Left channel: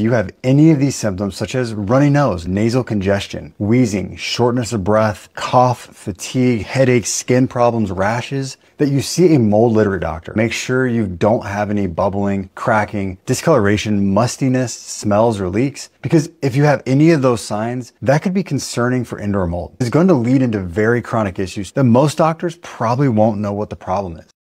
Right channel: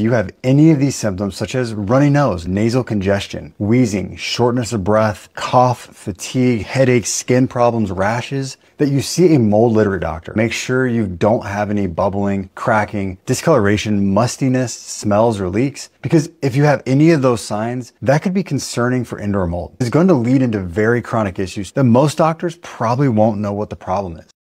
you have any of these symptoms, such as runny nose, nasal congestion, wheezing, shortness of breath, cough, fatigue, headaches, skin problems, rashes, that you see a mold literate doctor. Make sure you don't have any bubbling, cracking, discoloration, mustiness, smells, or leaks, because if you have any of those signs, that could be concerning for indoor mold. It's going to lead into very chronic issues that most doctors probably won't know what the problem is.